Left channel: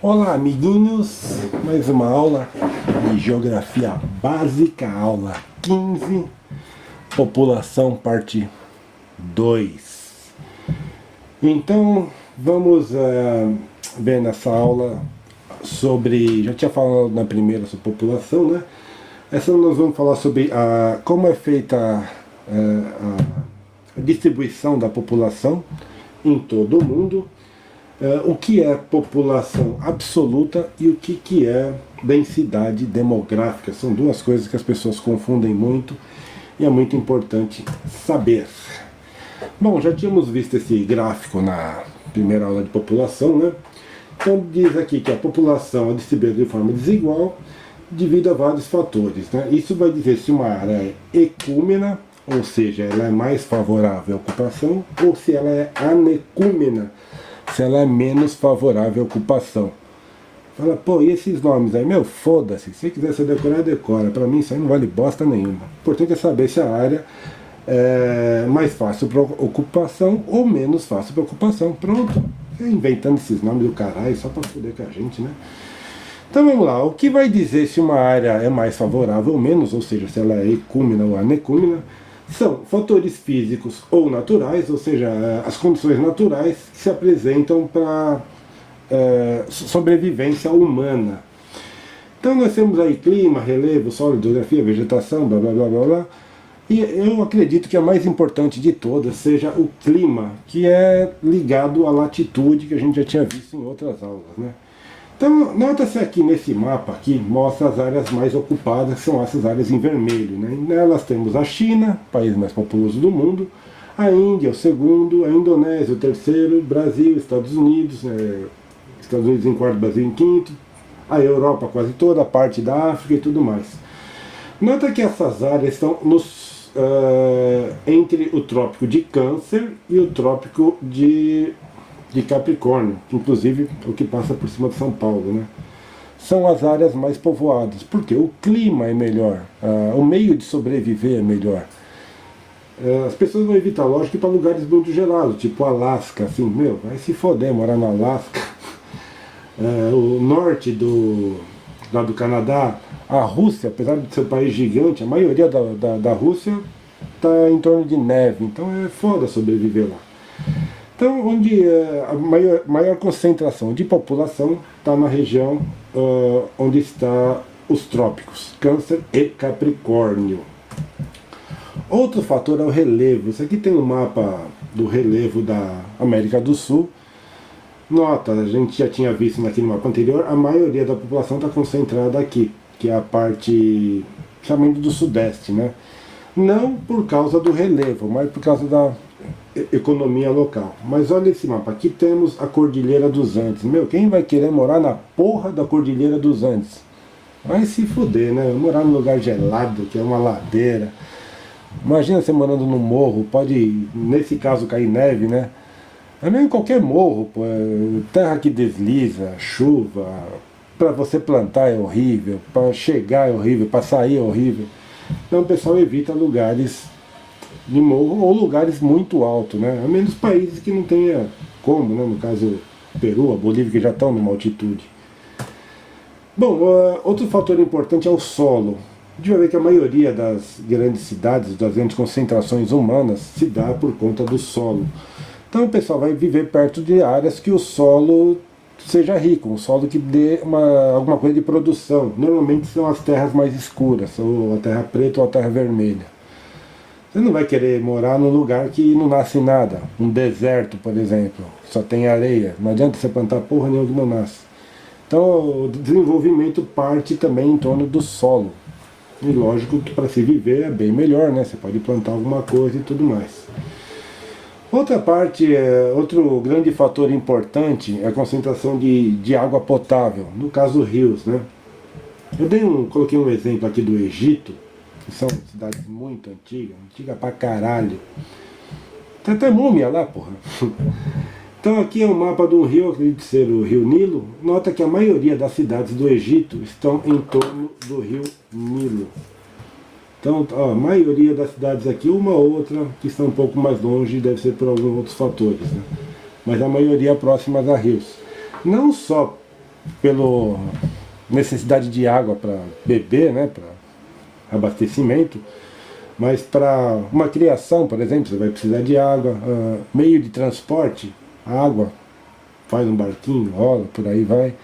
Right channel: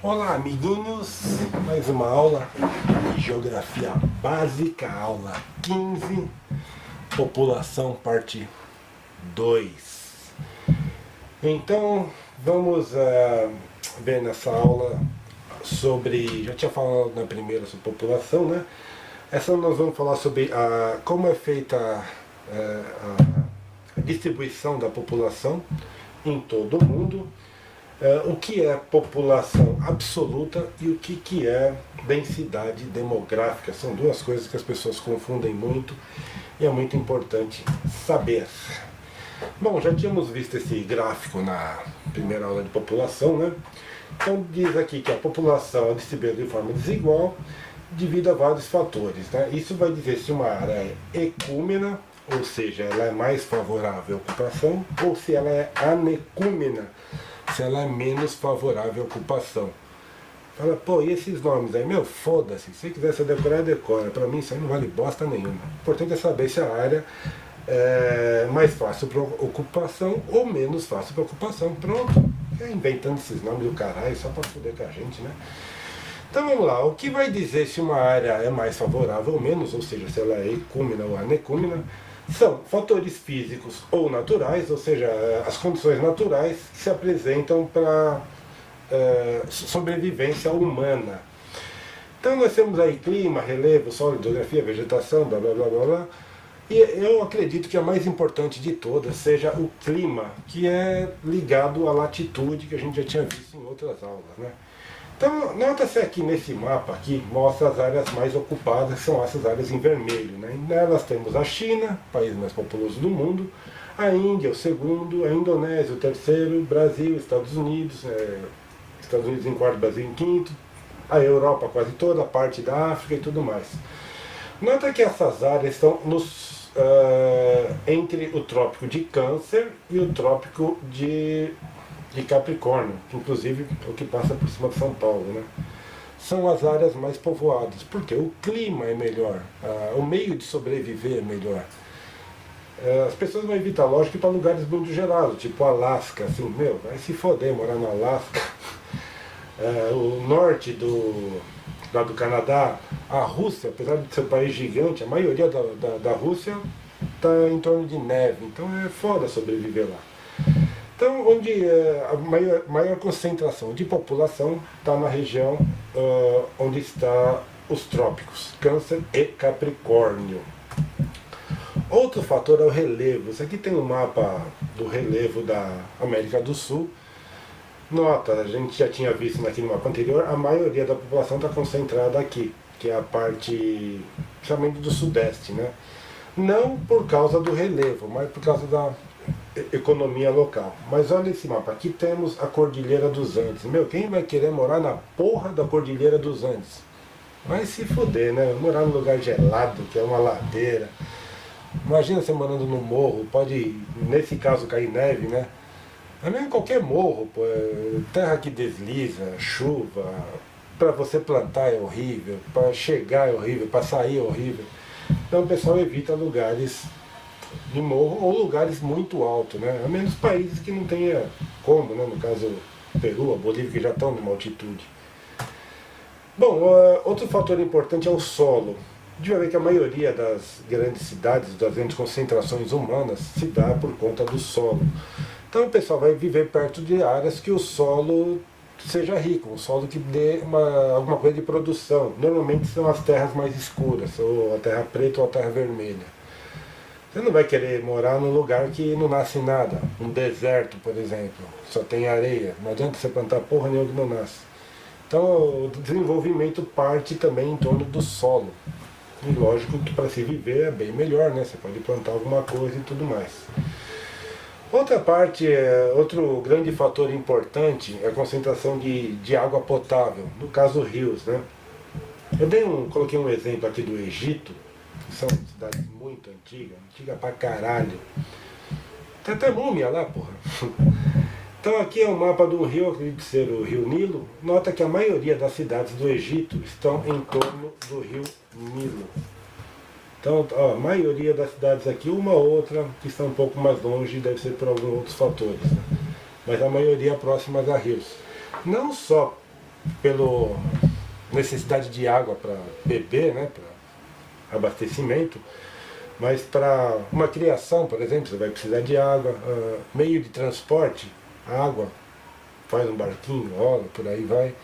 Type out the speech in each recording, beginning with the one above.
Olá, amiguinhos, mais uma aula de Geografia Básica, aula 15, População, parte 2. Então, vamos ver nessa aula sobre, já tinha falado na primeira sobre população, né? Essa nós vamos falar sobre como é feita a distribuição da população em todo o mundo. O que é população absoluta e o que é densidade demográfica. São duas coisas que as pessoas confundem muito e é muito importante saber. Bom, já tínhamos visto esse gráfico na primeira aula de população, né? Então diz aqui que a população é distribuída de forma desigual devido a vários fatores, né? Isso vai dizer se uma área é ecúmena, ou seja, ela é mais favorável à ocupação, ou se ela é anecúmena, se ela é menos favorável à ocupação. Fala, pô, e esses nomes aí? Meu, foda-se. Se quiser se decorar, decora. Pra mim isso aí não vale bosta nenhuma. O importante é saber se a área é mais fácil para ocupação ou menos fácil para ocupação. Pronto. Inventando esses nomes do caralho só pra foder com a gente, né? Então vamos lá. O que vai dizer se uma área é mais favorável ou menos, ou seja, se ela é ecúmena ou anecúmena, são fatores físicos ou naturais, ou seja, as condições naturais que se apresentam para sobrevivência humana. Então nós temos aí clima, relevo, solo, hidrografia, vegetação, blá blá blá blá blá. E eu acredito que a mais importante de todas seja o clima, que é ligado à latitude, que a gente já tinha visto em outras aulas, né? Então, nota-se aqui nesse mapa, aqui mostra as áreas mais ocupadas, que são essas áreas em vermelho, né? Nelas temos a China, país mais populoso do mundo, a Índia, o segundo, a Indonésia, o terceiro, Brasil, Estados Unidos em quarto, Brasil em quinto, a Europa quase toda, a parte da África e tudo mais. Nota que essas áreas estão entre o trópico de Câncer e o trópico de Capricórnio, que inclusive é o que passa por cima de São Paulo, né? São as áreas mais povoadas, porque o clima é melhor, o meio de sobreviver é melhor. As pessoas vão evitar, lógico, ir para lugares muito gelados, tipo Alasca, assim, meu, vai se foder morar no Alasca. O norte lá do Canadá, a Rússia, apesar de ser um país gigante, a maioria da Rússia está em torno de neve, então é foda sobreviver lá. Então, onde a maior concentração de população está na região onde está os trópicos, Câncer e Capricórnio. Outro fator é o relevo. Isso aqui tem um mapa do relevo da América do Sul. Nota, a gente já tinha visto aqui no mapa anterior, a maioria da população está concentrada aqui, que é a parte, chamando do Sudeste, né? Não por causa do relevo, mas por causa da economia local. Mas olha esse mapa, aqui temos a Cordilheira dos Andes. Meu, quem vai querer morar na porra da Cordilheira dos Andes? Vai se fuder, né? Morar num lugar gelado, que é uma ladeira. Imagina você morando num morro, pode, nesse caso, cair neve, né? É mesmo qualquer morro, pô, terra que desliza, chuva, para você plantar é horrível, para chegar é horrível, para sair é horrível. Então o pessoal evita lugares de morro ou lugares muito altos, né? A menos países que não tenha como, né? No caso Peru, a Bolívia, que já estão numa altitude. Bom, outro fator importante é o solo. A gente vai ver que a maioria das grandes cidades, das grandes concentrações humanas, se dá por conta do solo. Então o pessoal vai viver perto de áreas que o solo seja rico, um solo que dê alguma coisa de produção. Normalmente são as terras mais escuras, ou a terra preta ou a terra vermelha. Você não vai querer morar num lugar que não nasce nada, um deserto, por exemplo, só tem areia. Não adianta você plantar porra nenhuma que não nasce. Então o desenvolvimento parte também em torno do solo. E lógico que para se viver é bem melhor, né? Você pode plantar alguma coisa e tudo mais. Outra parte, outro grande fator importante é a concentração de água potável, no caso rios, né? Eu coloquei um exemplo aqui do Egito, que são cidades muito antigas, antiga pra caralho. Tem até múmia lá, porra. Então aqui é o mapa do rio, acredito ser o rio Nilo. Nota que a maioria das cidades do Egito estão em torno do rio Nilo. Então, a maioria das cidades aqui, uma ou outra que estão um pouco mais longe, deve ser por alguns outros fatores, né? Mas a maioria próximas a rios. Não só pela necessidade de água para beber, né, para abastecimento, mas para uma criação, por exemplo, você vai precisar de água, meio de transporte, água, faz um barquinho, rola, por aí vai.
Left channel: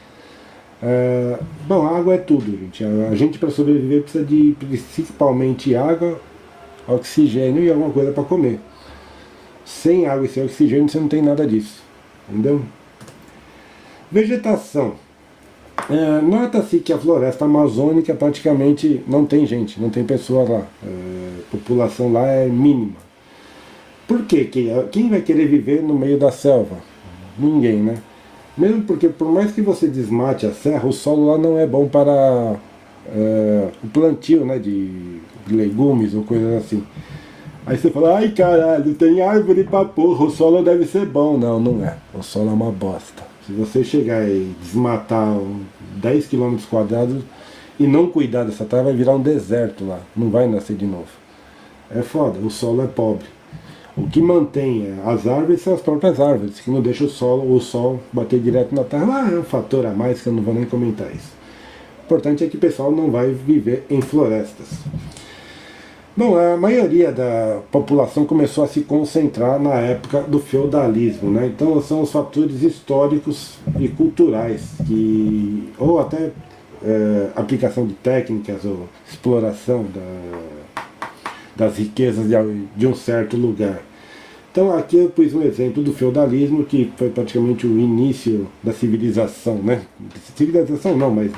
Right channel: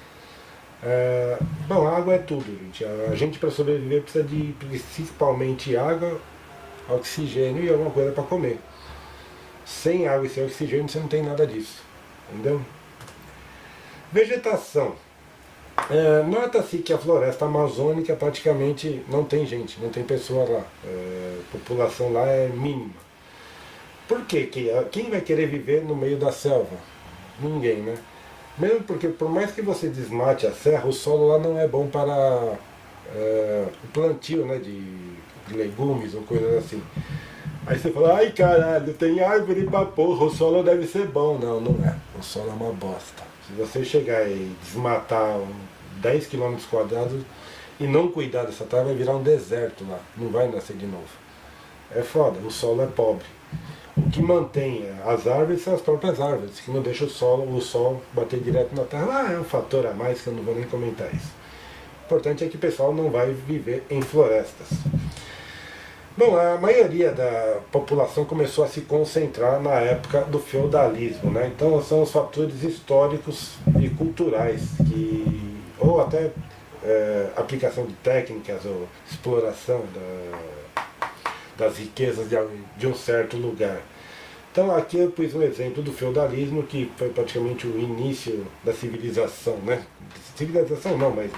Bom, água é tudo, gente. A gente para sobreviver precisa de principalmente água, oxigênio e alguma coisa para comer. Sem água e sem oxigênio você não tem nada disso, entendeu? Vegetação. Nota-se que a floresta amazônica praticamente não tem gente, não tem pessoas lá. A população lá é mínima. Por quê? Quem vai querer viver no meio da selva? Ninguém, né? Mesmo porque, por mais que você desmate a serra, o solo lá não é bom para o plantio, né, de legumes ou coisas assim. Aí você fala, ai caralho, tem árvore pra porra, o solo deve ser bom. Não, não é. O solo é uma bosta. Se você chegar e desmatar 10 km² e não cuidar dessa terra, vai virar um deserto lá. Não vai nascer de novo. É foda, o solo é pobre. O que mantém as árvores são as próprias árvores, que não deixa o sol bater direto na terra. É um fator a mais que eu não vou nem comentar isso. O importante é que o pessoal não vai viver em florestas. Bom, a maioria da população começou a se concentrar na época do feudalismo, né? Então são os fatores históricos e culturais, ou até aplicação de técnicas ou exploração das riquezas de um certo lugar. Então aqui eu pus um exemplo do feudalismo, que foi praticamente o início da civilização, né? Civilização não, mas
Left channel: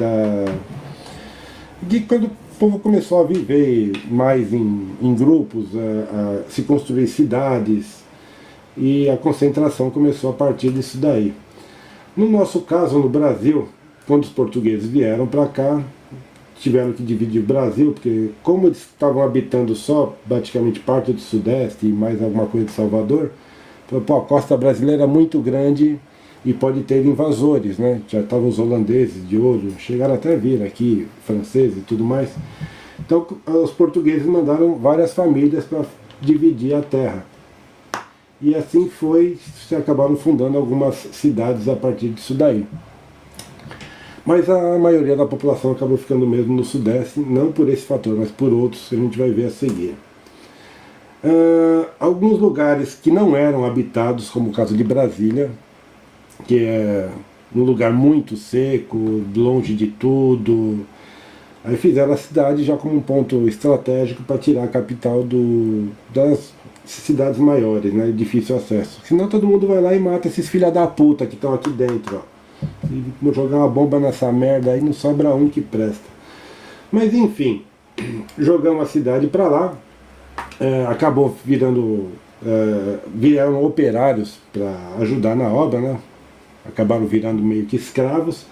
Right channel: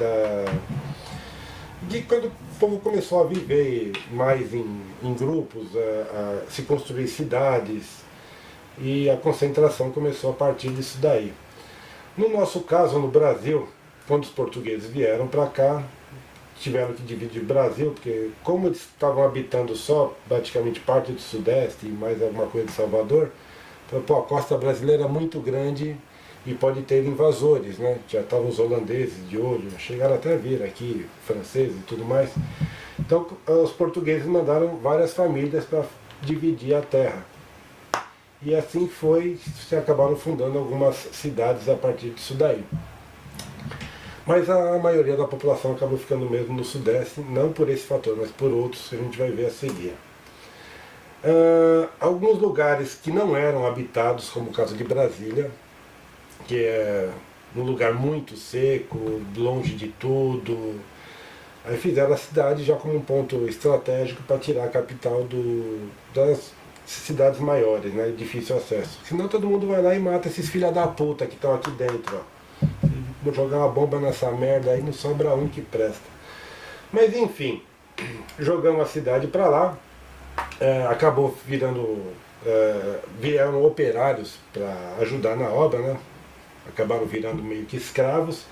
de quando o povo começou a viver mais em grupos, a se construir cidades, e a concentração começou a partir disso daí. No nosso caso, no Brasil, quando os portugueses vieram para cá, tiveram que dividir o Brasil, porque como eles estavam habitando só praticamente parte do Sudeste e mais alguma coisa de Salvador, então, a costa brasileira é muito grande e pode ter invasores, né? Já estavam os holandeses de olho, chegaram até a vir aqui, franceses e tudo mais. Então os portugueses mandaram várias famílias para dividir a terra. E assim se acabaram fundando algumas cidades a partir disso daí. Mas a maioria da população acabou ficando mesmo no Sudeste, não por esse fator, mas por outros que a gente vai ver a seguir. Alguns lugares que não eram habitados, como o caso de Brasília, que é um lugar muito seco, longe de tudo. Aí fizeram a cidade já como um ponto estratégico para tirar a capital das cidades maiores, né, de difícil acesso. Senão todo mundo vai lá e mata esses filha da puta que estão aqui dentro, ó. E jogar uma bomba nessa merda aí não sobra um que presta. Mas enfim, jogamos a cidade para lá, acabou vieram operários para ajudar na obra, né? Acabaram virando meio que escravos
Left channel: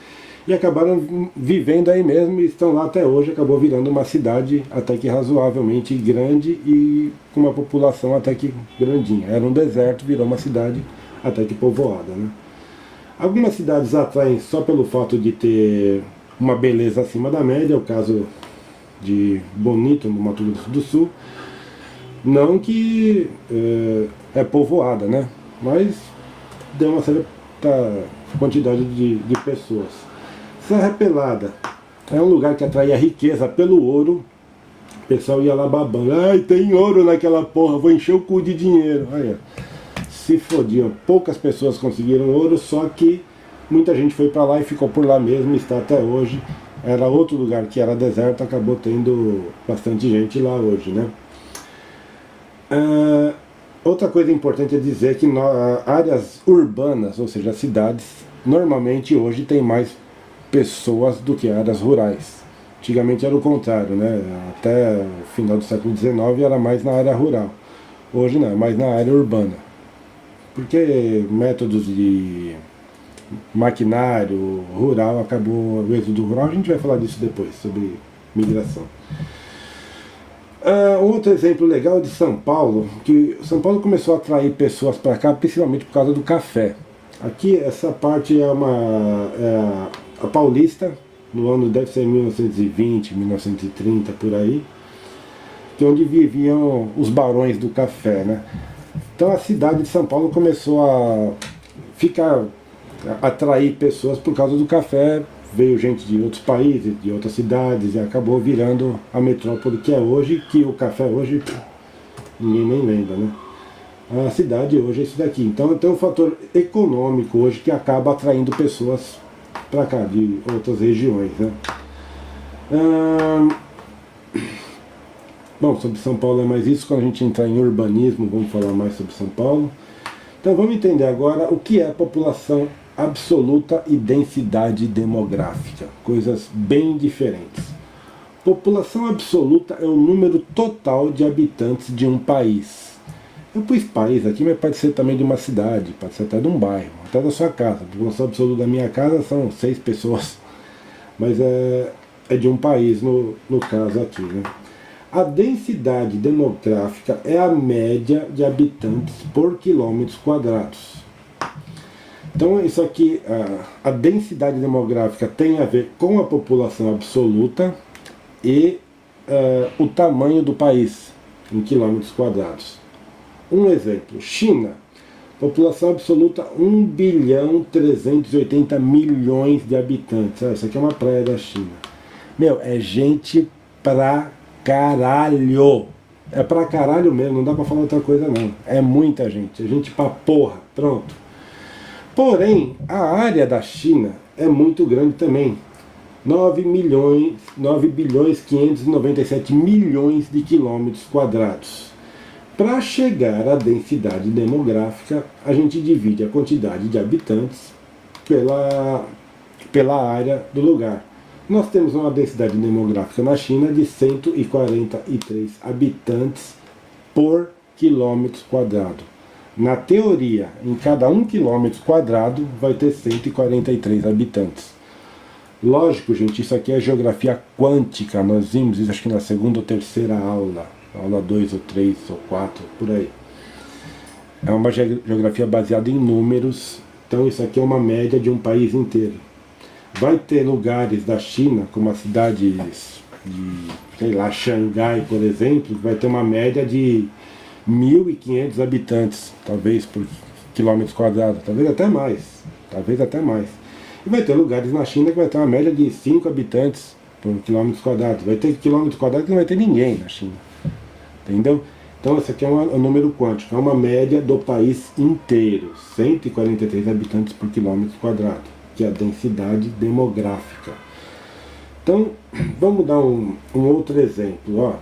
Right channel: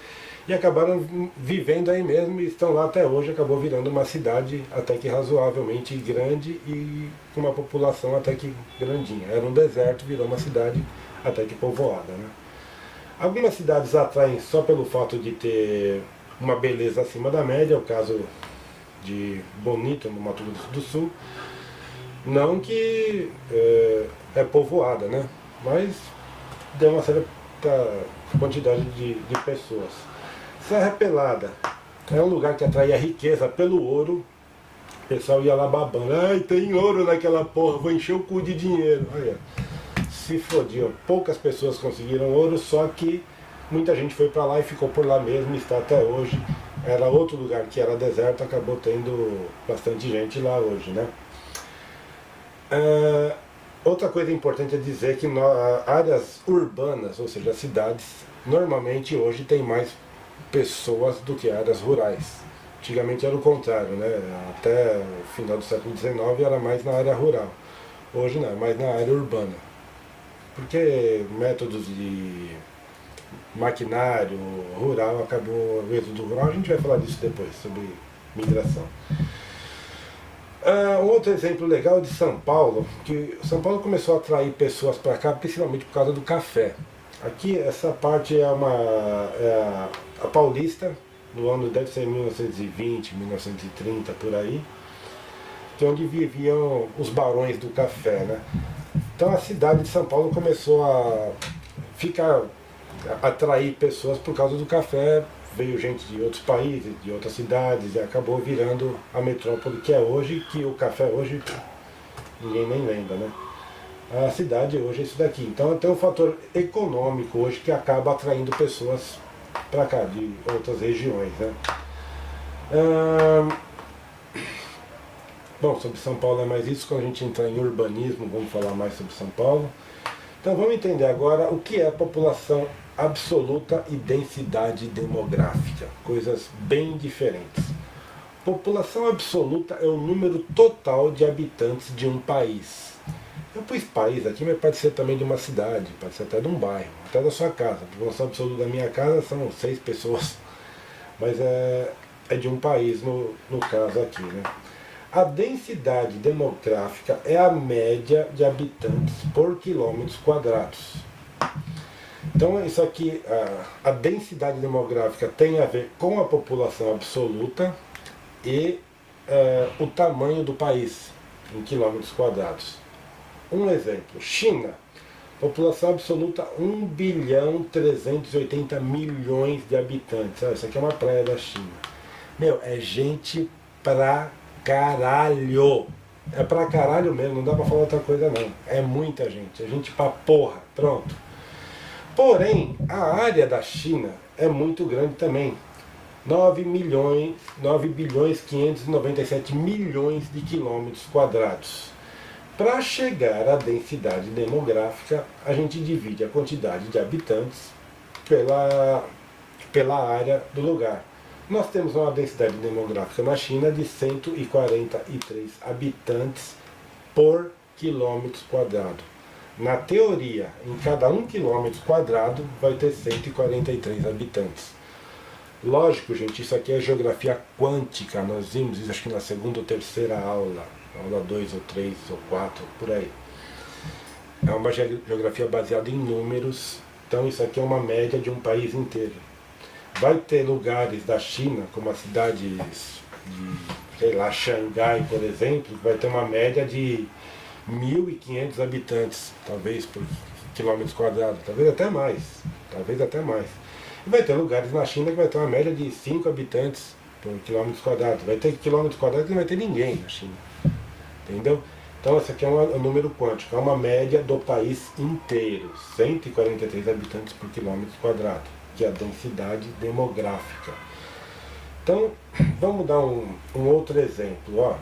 e acabaram vivendo aí mesmo e estão lá até hoje. Acabou virando uma cidade até que razoavelmente grande e com uma população até que grandinha. Era um deserto, virou uma cidade até que povoada, né? Algumas cidades atraem só pelo fato de ter uma beleza acima da média, é o caso de Bonito, no Mato Grosso do Sul. Não que é povoada, né? Mas deu uma certa quantidade de pessoas. Serra Pelada é um lugar que atraía riqueza pelo ouro. O pessoal ia lá babando, ai, tem ouro naquela porra, vou encher o cu de dinheiro. Aí, se fodiam, poucas pessoas conseguiram ouro, só que muita gente foi para lá e ficou por lá mesmo, está até hoje. Era outro lugar que era deserto, acabou tendo bastante gente lá hoje, né? Outra coisa importante é dizer que áreas urbanas, ou seja, cidades, normalmente hoje tem mais pessoas do que áreas rurais. Antigamente era o contrário, né? Até o final do século XIX era mais na área rural. Hoje não, é mais na área urbana. Porque métodos de maquinário rural acabou, o êxodo rural, a gente vai falar disso depois, sobre migração. Outro exemplo legal é de São Paulo, que São Paulo começou a atrair pessoas para cá, principalmente por causa do café. Aqui, essa parte é a Paulista, no ano deve ser 1920, 1930, por aí, que é onde viviam os barões do café, né? Então a cidade de São Paulo começou a ficar atrair pessoas por causa do café. Veio gente de outros países, de outras cidades, e acabou virando a metrópole que é hoje, que o café hoje ninguém nem lembra, né? A cidade hoje é isso daqui. Então tem um fator econômico hoje que acaba atraindo pessoas para cá, de outras regiões, né? Bom, sobre São Paulo é mais isso. Quando a gente entrar em urbanismo, vamos falar mais sobre São Paulo. Então vamos entender agora o que é população absoluta e densidade demográfica. Coisas bem diferentes. População absoluta é o número total de habitantes de um país. Eu pus país aqui, mas pode ser também de uma cidade, pode ser até de um bairro, até da sua casa. A população absoluta da minha casa são 6 pessoas, mas é de um país no caso aqui, né? A densidade demográfica é a média de habitantes por quilômetros quadrados. Então isso aqui, a densidade demográfica tem a ver com a população absoluta e o tamanho do país em quilômetros quadrados. Um exemplo, China, população absoluta 1.380.000.000 de habitantes. Isso aqui é uma praia da China. Meu, é gente pra caralho. É pra caralho mesmo, não dá pra falar outra coisa não. É muita gente, é gente pra porra, pronto. Porém, a área da China é muito grande também. 9.597.000.000 de quilômetros quadrados. Para chegar à densidade demográfica, a gente divide a quantidade de habitantes pela área do lugar. Nós temos uma densidade demográfica na China de 143 habitantes por quilômetro quadrado. Na teoria, em cada 1 quilômetro quadrado vai ter 143 habitantes. Lógico, gente, isso aqui é geografia quântica. Nós vimos isso acho que na segunda ou terceira aula. Aula 2 ou 3 ou 4, por aí. É uma geografia baseada em números. Então isso aqui é uma média de um país inteiro. Vai ter lugares da China, como as cidades de, sei lá, Xangai, por exemplo, vai ter uma média de 1.500 habitantes, talvez por quilômetros quadrados, talvez até mais. E vai ter lugares na China que vai ter uma média de 5 habitantes por quilômetros quadrados. Vai ter quilômetros quadrados que não vai ter ninguém na China. Entendeu? Então esse aqui é um número quântico, é uma média do país inteiro, 143 habitantes por quilômetro quadrado, que é a densidade demográfica. Então, vamos dar um outro exemplo. Ó.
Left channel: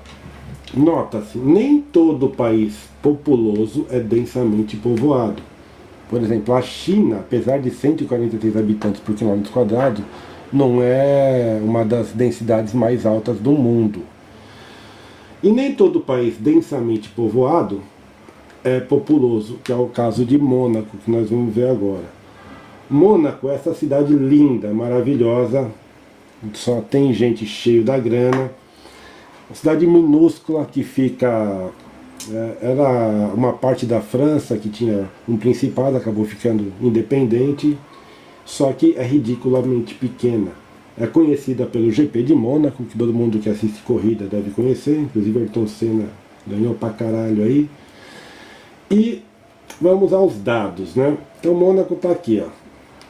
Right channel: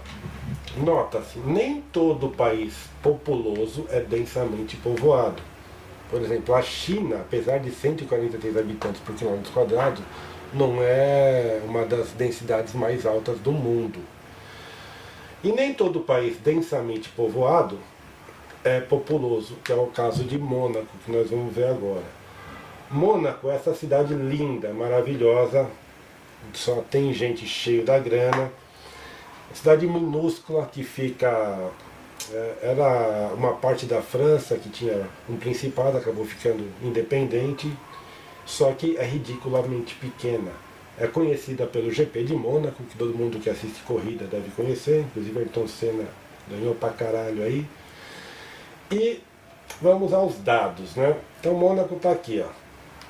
Nota-se, nem todo país populoso é densamente povoado. Por exemplo, a China, apesar de 143 habitantes por quilômetro quadrado, não é uma das densidades mais altas do mundo. E nem todo país densamente povoado é populoso, que é o caso de Mônaco, que nós vamos ver agora. Mônaco é essa cidade linda, maravilhosa, só tem gente cheia da grana. Uma cidade minúscula que fica... era uma parte da França que tinha um principado, acabou ficando independente, só que é ridiculamente pequena. É conhecida pelo GP de Mônaco, que todo mundo que assiste corrida deve conhecer, inclusive Ayrton Senna ganhou pra caralho aí. E vamos aos dados, né? Então Mônaco tá aqui, ó,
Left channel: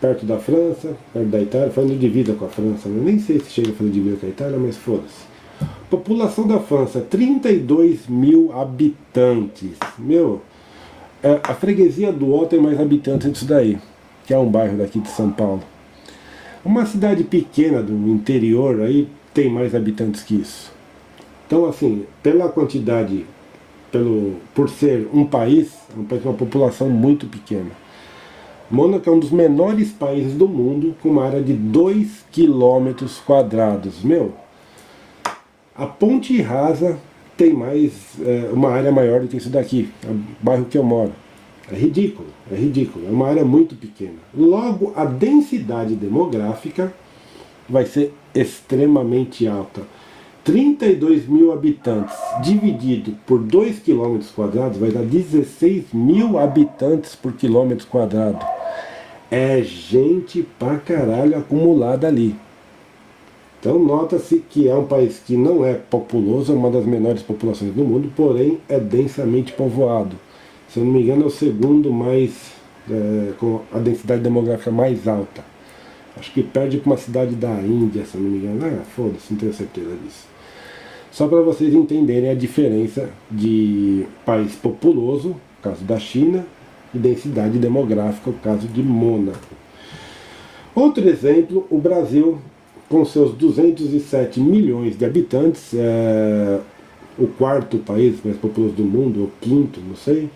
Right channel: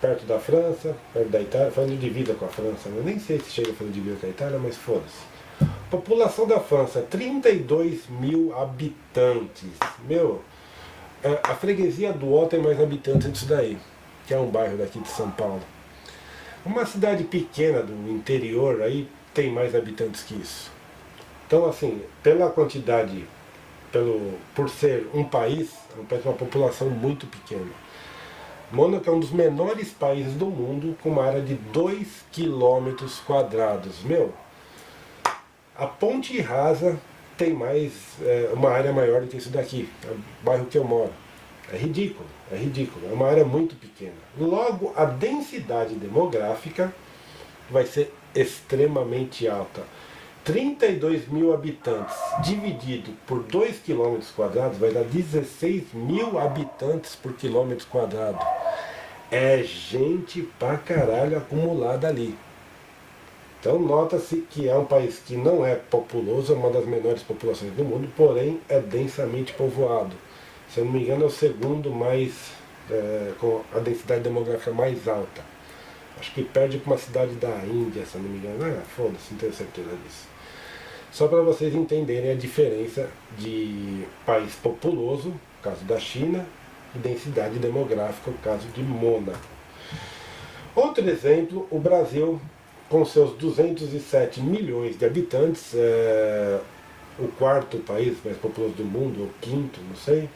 perto da França, perto da Itália, fazendo divisa com a França, né? Nem sei se chega a fazer divisa com a Itália, mas foda-se. População da França, 32.000 habitantes. Meu, a freguesia do Ó tem mais habitantes disso daí, que é um bairro daqui de São Paulo. Uma cidade pequena do interior aí tem mais habitantes que isso. Então, assim, pela quantidade, por ser um país com uma população muito pequena. Mônaco é um dos menores países do mundo, com uma área de 2 quilômetros quadrados. Meu, a Ponte Rasa tem uma área maior do que isso daqui, é o bairro que eu moro. É ridículo, é uma área muito pequena. Logo, a densidade demográfica vai ser extremamente alta. 32.000 habitantes dividido por 2 km quadrados vai dar 16.000 habitantes por quilômetro quadrado. É gente pra caralho acumulada ali. Então nota-se que é um país que não é populoso, é uma das menores populações do mundo, porém é densamente povoado. Se eu não me engano é o segundo mais com a densidade demográfica mais alta. Acho que perde para uma cidade da Índia, se não me engano. Foda-se, não tenho certeza disso. Só para vocês entenderem a diferença de país populoso, no caso da China, e densidade demográfica, no caso de Mônaco. Outro exemplo, o Brasil, com seus 207 milhões de habitantes, o quarto país mais populoso do mundo, ou quinto, não sei,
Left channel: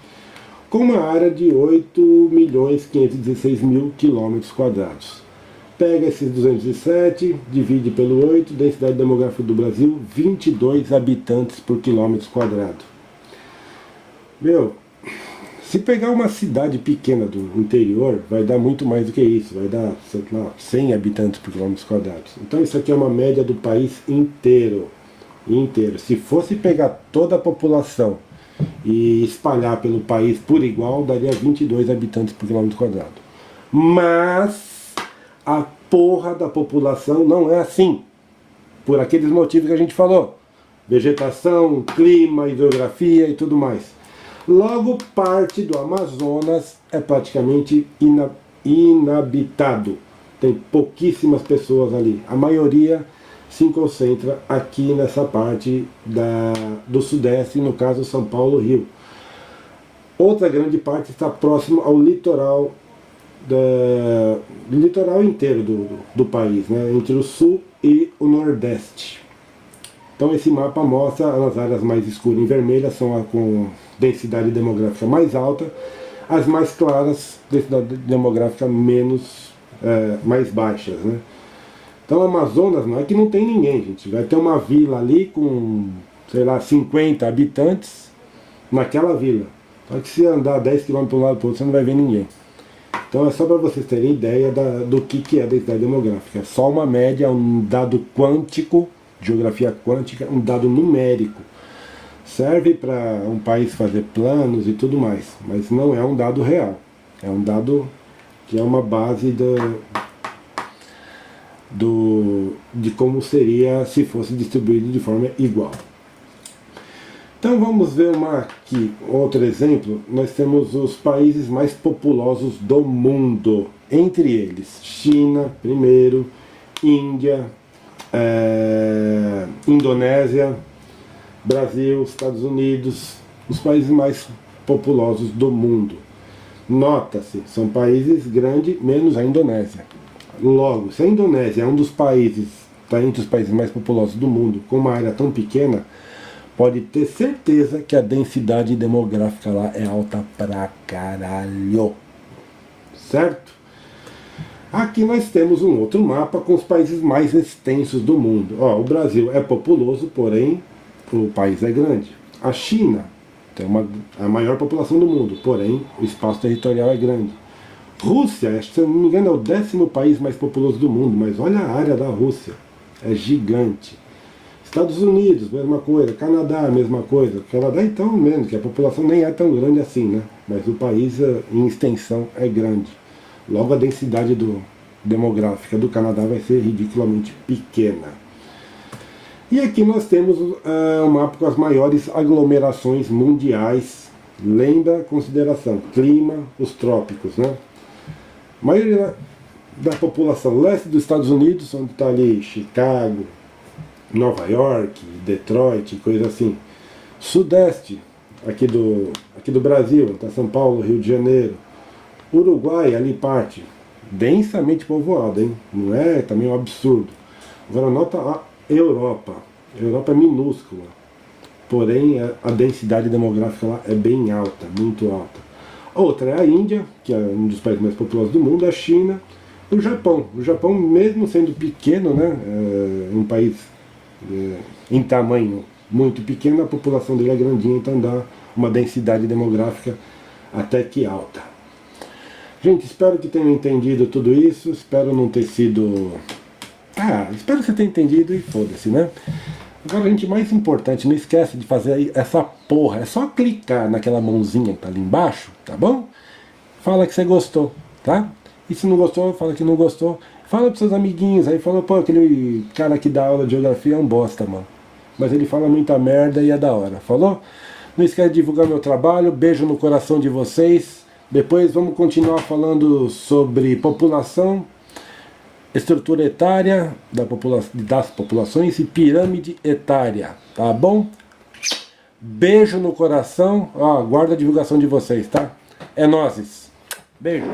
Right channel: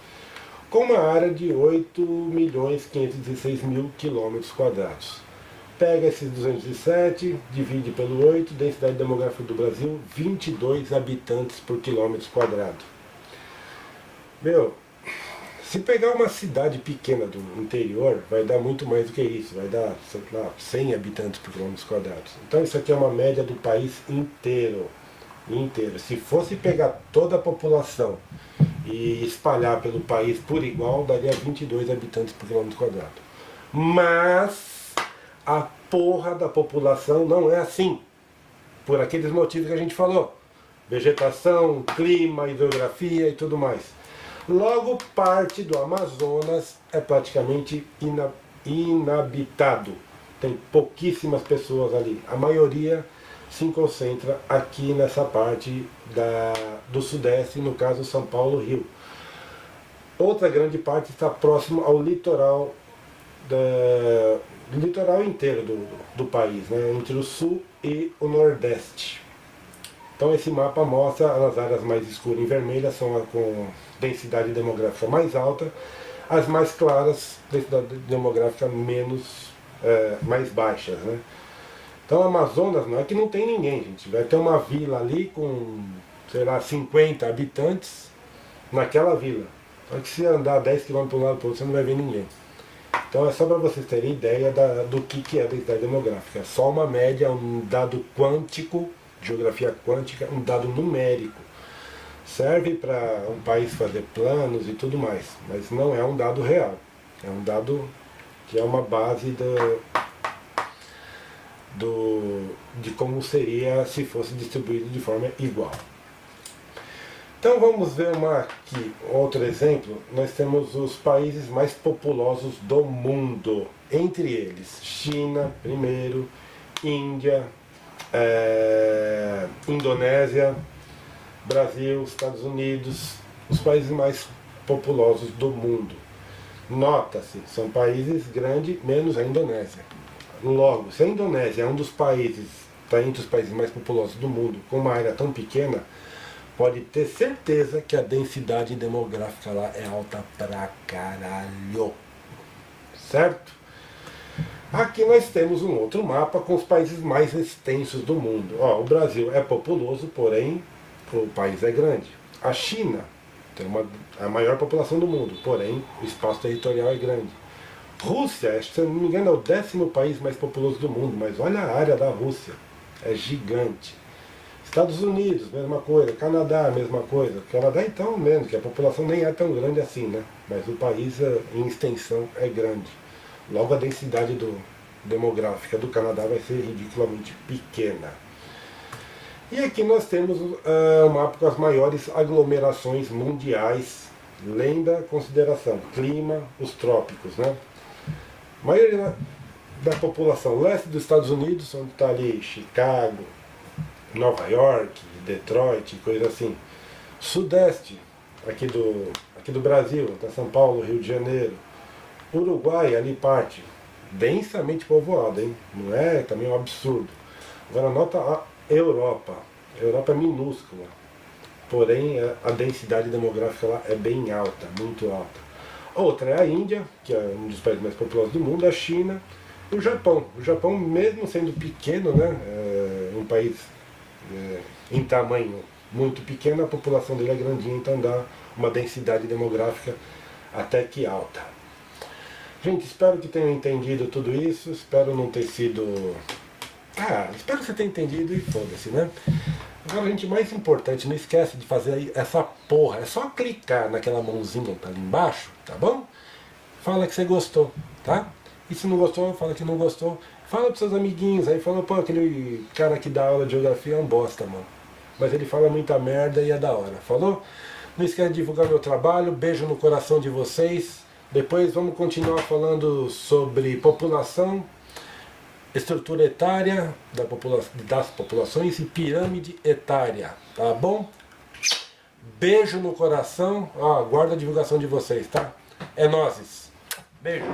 com uma área de 8.516.000 km². Pega esses 207, divide pelo 8, densidade demográfica do Brasil, 22 habitantes por km². Meu, se pegar uma cidade pequena do interior, vai dar muito mais do que isso, vai dar, sei lá, 100 habitantes por km². Então isso aqui é uma média do país inteiro. Se fosse pegar toda a população e espalhar pelo país por igual, daria 22 habitantes por km². Mas a porra da população não é assim, por aqueles motivos que a gente falou: vegetação, clima, hidrografia e tudo mais. Logo, parte do Amazonas é praticamente inabitado. Tem pouquíssimas pessoas ali. A maioria se concentra aqui nessa parte do Sudeste, no caso São Paulo, Rio. Outra grande parte está próximo ao litoral, do litoral inteiro do país, né, entre o Sul e o Nordeste. Então esse mapa mostra as áreas mais escuras em vermelho, são com densidade demográfica mais alta, as mais claras, densidade demográfica mais baixas, né? Então o Amazonas não é que não tem ninguém, gente. Vai ter uma vila ali com, sei lá, 50 habitantes naquela vila. Só que se andar 10 km para um lado para o outro, você não vai ver ninguém. Então é só para vocês terem ideia do que é a densidade demográfica. É só uma média, um dado quântico, geografia quântica, um dado numérico. Serve para um país fazer planos e tudo mais, mas não é um dado real. É um dado que é uma base de como seria se fosse distribuído de forma igual. Então vamos ver outro exemplo. Nós temos os países mais populosos do mundo. Entre eles, China, primeiro, Índia, Indonésia, Brasil, Estados Unidos, os países mais populosos do mundo. Nota-se, são países grandes, menos a Indonésia. Logo, se a Indonésia é um dos países, está entre os países mais populosos do mundo, com uma área tão pequena, pode ter certeza que a densidade demográfica lá é alta pra caralho. Certo? Aqui nós temos um outro mapa com os países mais extensos do mundo. O Brasil é populoso, porém o país é grande. A China tem a maior população do mundo, porém o espaço territorial é grande. Rússia, se não me engano, é o 10º país mais populoso do mundo, mas olha a área da Rússia, é gigante. Estados Unidos, mesma coisa. Canadá, mesma coisa. Canadá então menos, que a população nem é tão grande assim, né? Mas o país em extensão é grande. Logo a densidade demográfica do Canadá vai ser ridiculamente pequena. E aqui nós temos um mapa com as maiores aglomerações mundiais. Lembra, consideração, clima, os trópicos, né? A maioria da população leste dos Estados Unidos, onde está ali Chicago, Nova York, Detroit, coisa assim. Sudeste, aqui do Brasil, está São Paulo, Rio de Janeiro. Uruguai, ali parte, densamente povoada, hein? Não é também um absurdo. Agora nota a Europa. A Europa é minúscula, porém a densidade demográfica lá é bem alta, muito alta. A outra é a Índia, que é um dos países mais populosos do mundo, a China, o Japão. O Japão, mesmo sendo pequeno, né, um país em tamanho muito pequeno, a população dele é grandinha, então dá uma densidade demográfica até que alta. Gente, espero que tenham entendido tudo isso, espero não ter sido... espero que você tenha entendido e foda-se, né? Agora, gente, mais importante, não esquece de fazer essa porra, é só clicar naquela mãozinha que tá ali embaixo, tá bom? Fala que você gostou, tá? E se não gostou, fala que não gostou. Fala pros seus amiguinhos aí, fala, pô, aquele cara que dá aula de geografia é um bosta, mano. Mas ele fala muita merda e é da hora, falou? Não esquece de divulgar meu trabalho, beijo no coração de vocês. Depois vamos continuar falando sobre população, estrutura etária das populações e pirâmide etária, tá bom? Beijo no coração, aguardo a divulgação de vocês, tá? É nóis. Beijo.